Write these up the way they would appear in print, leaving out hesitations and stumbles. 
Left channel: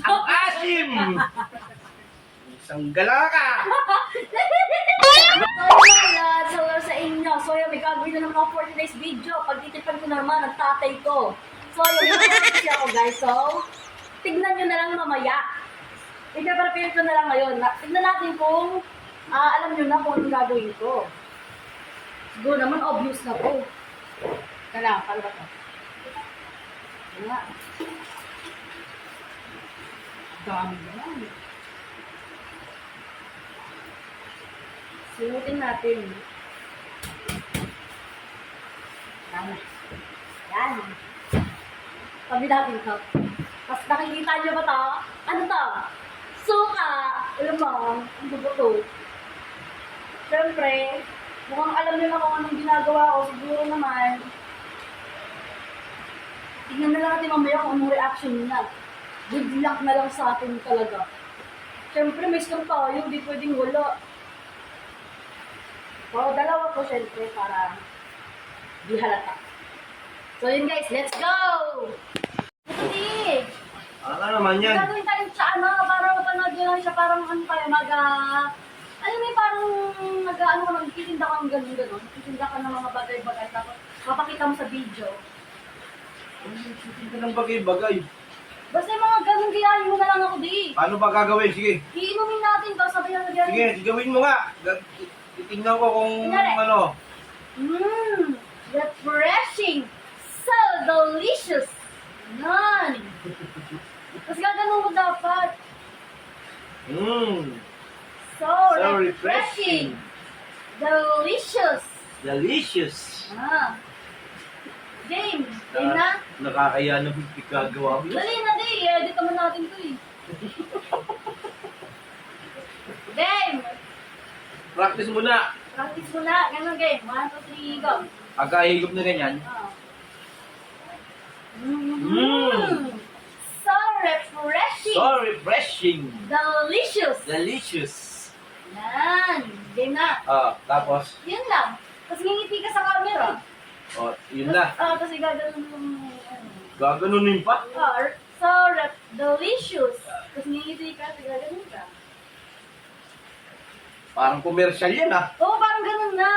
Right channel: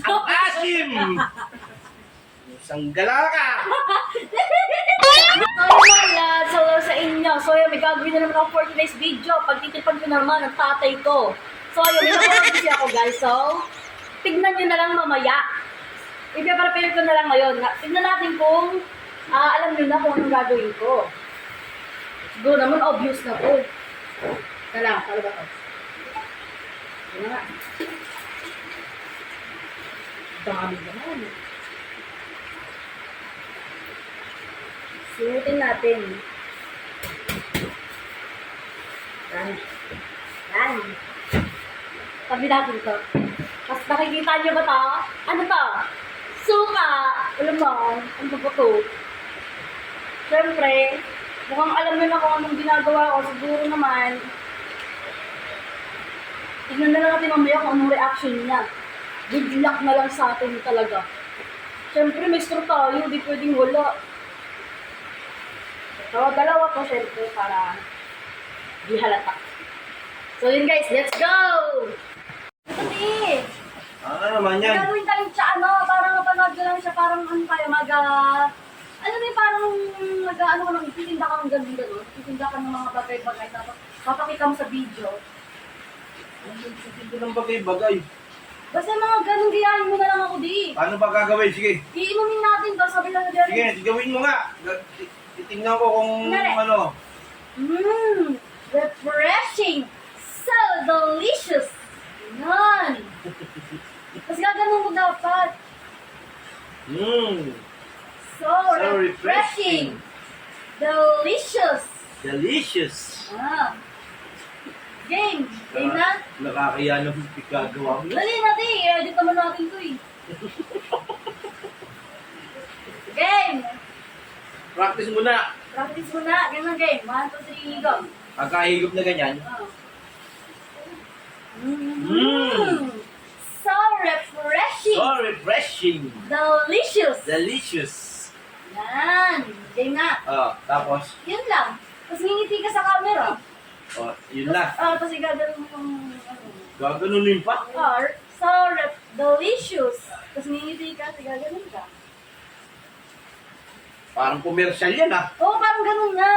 Ang asim! Isang gala ka! Hello sa inyo. So, yun, may gagawin na naman ako for today's video. Pagtitipan ko naman ng tatay ko. So, yun, kasi ako guys. So, tignan nyo na lang mamaya. I-prepare ko na lang ngayon. Tignan natin kung alam nyo na kung anong gagawin ko. Siguro naman, obvious na po. Kala, paano ba to? Ano nga? Dami naman. Sinutin natin. Yan. Yan. Tabi natin ito. Tapos nakikita niyo ba ito? Ano to? Suka! Alam mo, ano ba ito? Siyempre, mukhang alam nyo na kung anong ginagawa ko. Siguro naman, tignan na lang natin mamaya kung anong reaction niya. Good luck na lang sa atin talaga. Siyempre, may straw tayo. Di pwedeng wala. So, dalawa po syempre para di halata. So, yun guys, let's go! Ito di! Ano naman yan? Gagawin tayong parang mapanood ko lang siya, parang ano tayo, alam mo yung parang ano ka lang, titinda kang ganun. Titinda ka ng mga bagay-bagay, tapos papakita mo sa video. Hindi ng bagay-bagay. Basta yung mga ganun, gayahin mo na lang ako di. Paano ba gagawin? Sige. Iinumin natin to, sabi lang na gayahin. Sige, gawin mo nga. Titingnan ko kung Kunwari. ano. Refreshing! So delicious! Yan! Tapos gaganon mo dapat. So refreshing! Delicious! Delicious. Game! Game na? Nakakaya na gagawa mo yun. Dali natin, i-edit naman natin to eh. Game! Practice muna. Practice mo na. Ganun game. 1, 2, 3, go. Pagkahigop na ganyan. So refreshing! So refreshing. Delicious! Delicious. Yan! Game na. Tapos, Yun lang. Tapos ngingiti ka sa camera. yun na. Tapos igaganon mo yung Gaganunin pa. So delicious. Tapos ngingiti ka, tapos igaganon ka. Parang commercial yan Oo, parang ganun nga.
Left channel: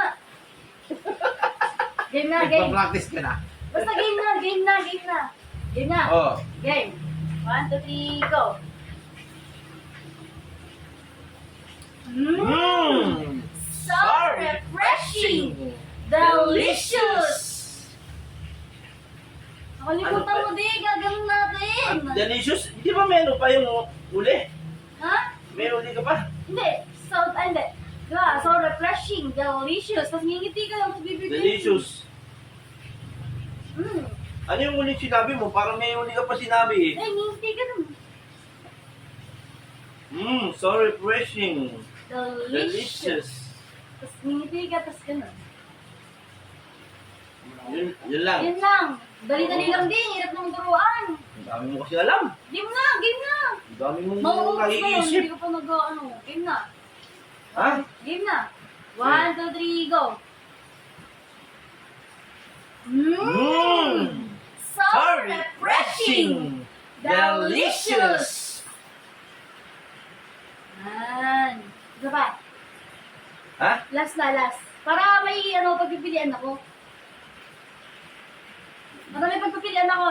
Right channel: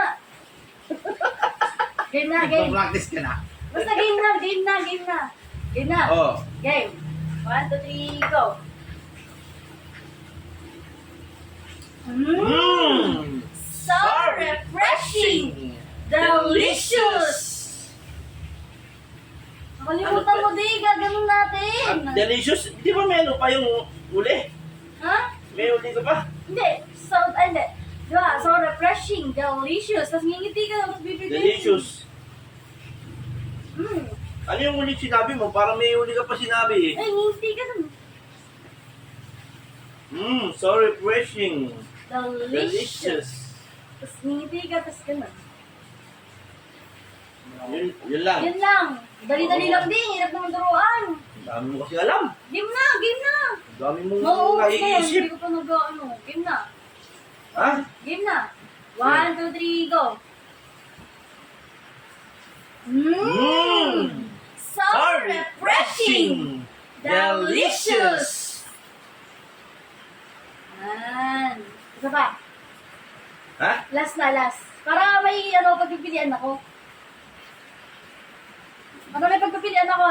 Game na, game. Nagpa-practice ka na. Basta game na, game na, game na. Game na. Game. 1, 2, 3, go. So refreshing! Delicious! Nakalimutan mo di, gaganon natin. Delicious. Di ba may ano pa yung uli? Ha? May uli ka pa? Hindi. Hindi. Diba? So refreshing, delicious. Tapos ngingiti ka, tapos bibigay. Delicious. Ano yung uli sinabi mo? Parang may uli ka pa sinabi eh. Ay, ngingiti ka dun. So refreshing. Delicious. Tapos ngingiti ka, tapos ganun. Yun lang. Yun lang. Dali-dali lang din. Hirap naman turuan. Ang dami mo kasi alam. Game na, game na. Ang dami mong Mauubos na yun. naiisip. Hindi ko pa game na. Ha? Game na. 1, 2, 3, go. So refreshing! Delicious! Yan. Isa pa. Ha? Last na, last. Para may pagpipilian ako. Para may pagpipilian ako,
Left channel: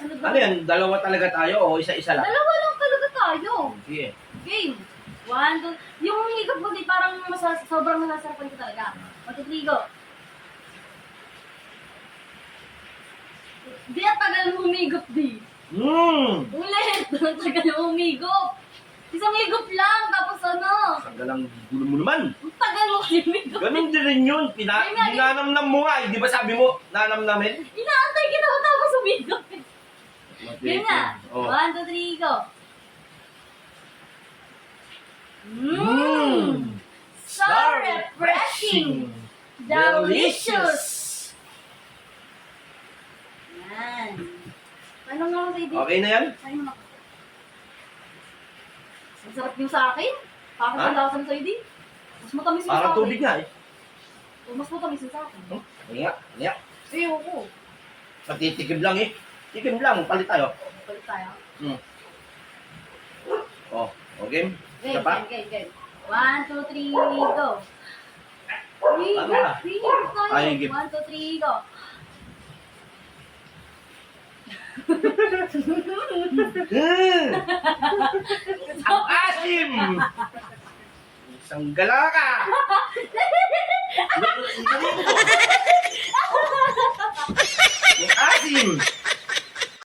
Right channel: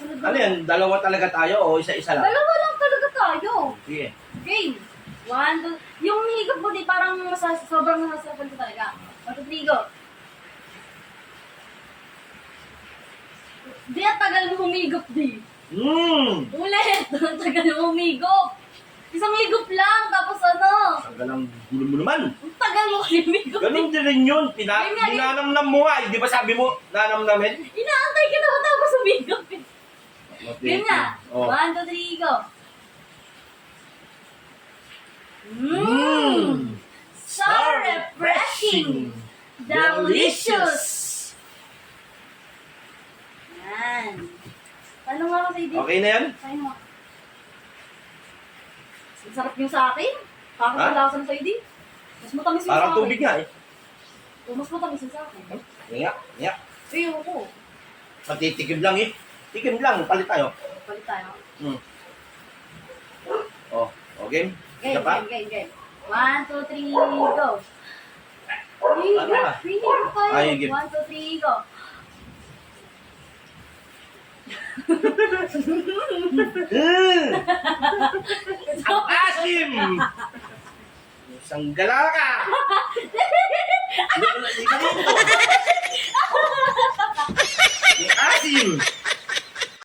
sunod Ano yan? Dalawa talaga tayo o isa-isa lang? Dalawa lang talaga tayo. Sige. Game. 1, 2, yung higop mo di parang sobrang nasasarapan ko talaga. 1, 2, 3, go. Di, at tagal mo humigop di. Ulit! Tagal mo humigop. Isang higop lang, tapos Tagalang gulo mo naman. ang tagal mo humigop. Ganun din rin yun. Ayun nga, Dinanamnam mo nga. Di ba sabi mo, nanamnamin? Inaantay kita ko tapos humigop. Yun nga. 1, 2, 3, go. So refreshing! Delicious! Yan. Paano nga ako sa ID? Okay na yan? Paano mo? Ang sarap yung sa akin. Bakit Ha? ang lakas sa ID? Mas matamis yung sa Parang akin. tubig nga eh. O, mas matamis yung sa akin. Nga. Ayoko. Matitikim lang eh. Tikim lang, palit tayo. Palit tayo. Hmm. Oh, okay. Game, Isa pa? game, game, game. 1, 2, 3, go. Ano ba? Ay, game. 1, 2, 3, go. Hmm. Ang asim! Isang gala ka! Ang asim!